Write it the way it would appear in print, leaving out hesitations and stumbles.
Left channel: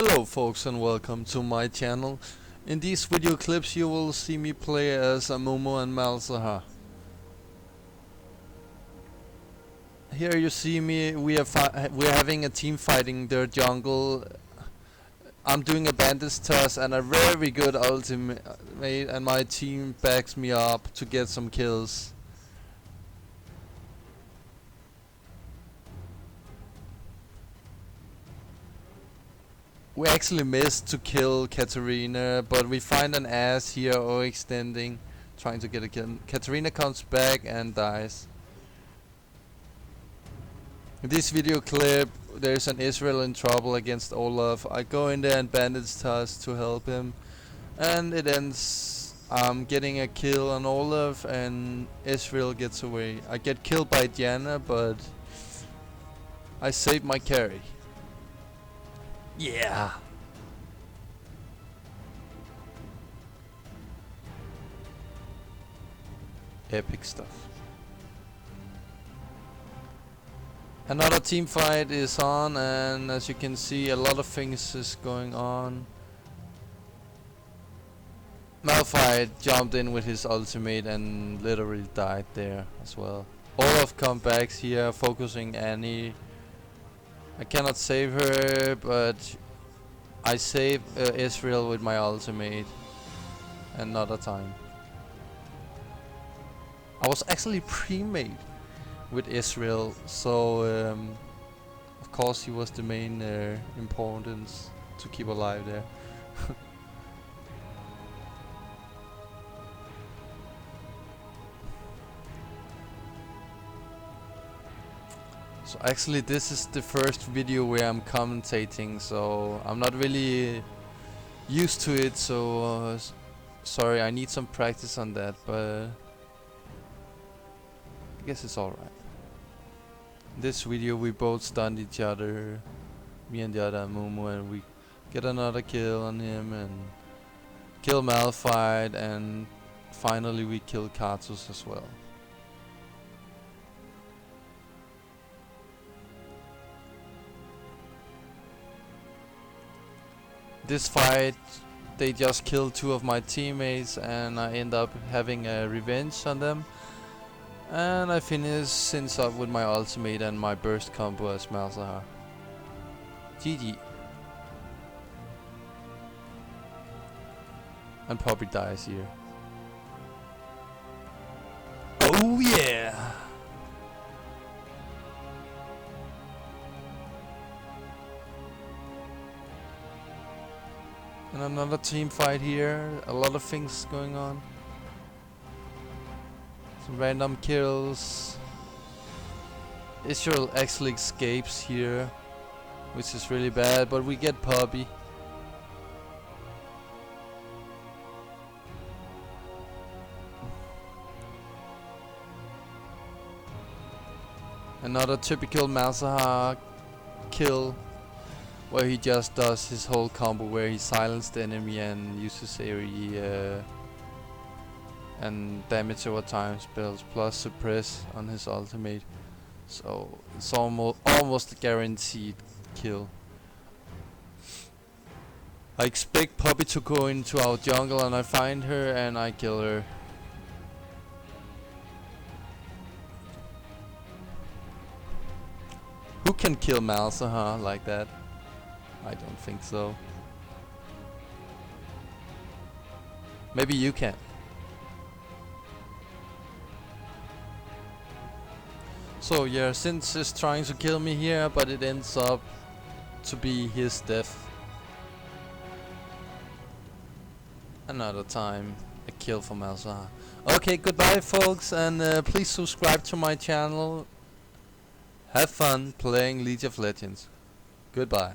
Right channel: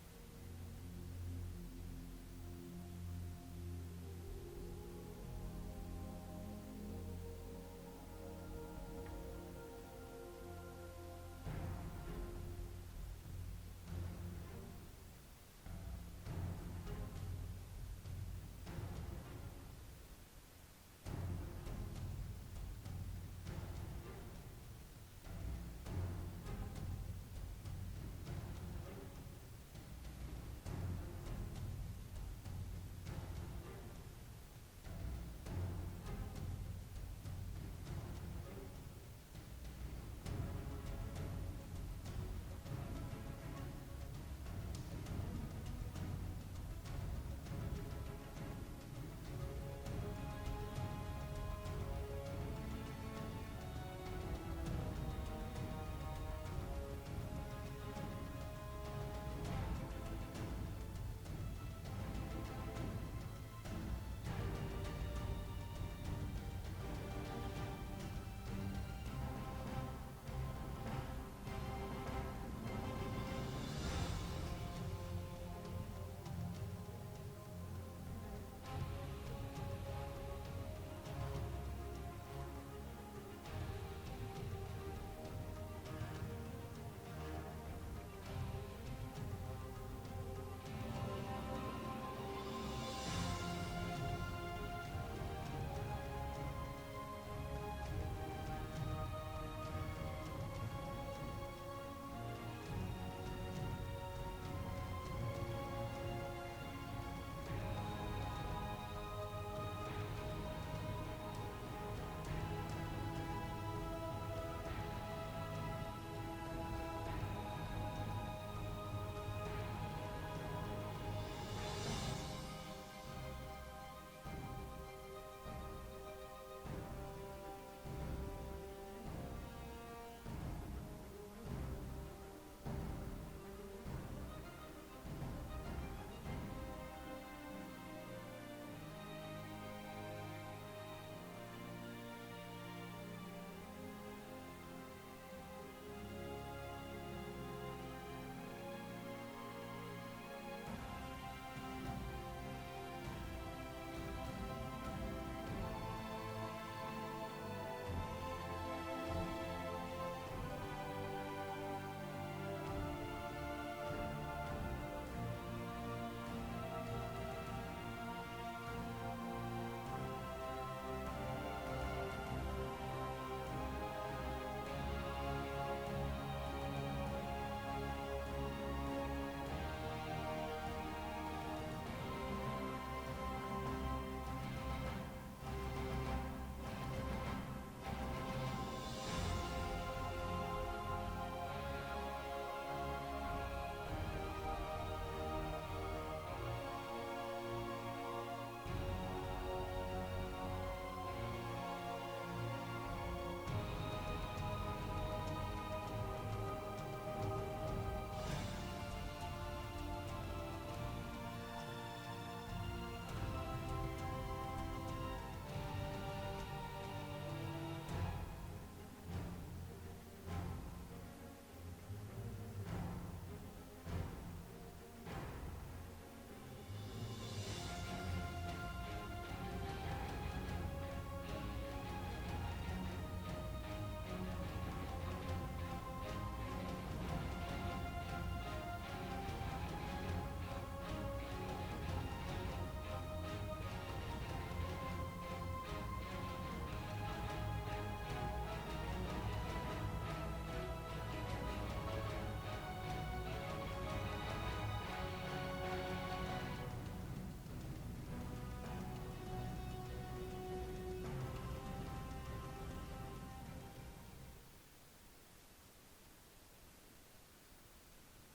Hello folks and welcome to my channel. In these video clips you will see me play as Amumu and Malzahar. Here you see me, we're having a team fighting their jungle. I'm doing a bandage toss and a very good ultimate and my team backs me up to get some kills. We actually missed to kill Katarina, but we find an ass here overextending, trying to get a kill. Katarina comes back and dies. In this video clip, there's an Israel in trouble against Olaf. I go in there and bandage toss to help him, and it ends getting a kill on Olaf, and Israel gets away. I get killed by Diana, but I save my carry. Yeah. Epic stuff. Another team fight is on, and as you can see, a lot of things is going on. Malphite jumped in with his ultimate and literally died there as well. Olaf comes back here, focusing Annie. I cannot save her, but I save Israel with my ultimate another time. I was actually pre-made with Israel, so of course he was the main importance to keep alive there. So actually this is the first video where I'm commentating, so I'm not really used to it, so sorry, I need some practice on that, but I guess it's alright. This video we both stunned each other, me and the other Amumu, and we get another kill on him and kill Malphite, and finally we kill Kartus as well. This fight, they just killed two of my teammates and I end up having a revenge on them. And I finish Sins up with my ultimate and my burst combo as Malzahar. GG. And Poppy dies here. Oh yeah! And another team fight here, a lot of things going on. Some random kills. Israel actually escapes here, which is really bad, but we get Poppy. Another typical Malzahar kill, where he just does his whole combo where he silences the enemy and uses AoE and damage over time spells plus suppress on his ultimate. So it's almost a guaranteed kill. I expect Poppy to go into our jungle and I find her and I kill her. Who can kill Malzahar like that? I don't think so. Maybe you can. So yeah, Sins is trying to kill me here, but it ends up to be his death. Another time, a kill for Malzahar. Okay, goodbye folks, and please subscribe to my channel. Have fun playing League of Legends. Goodbye.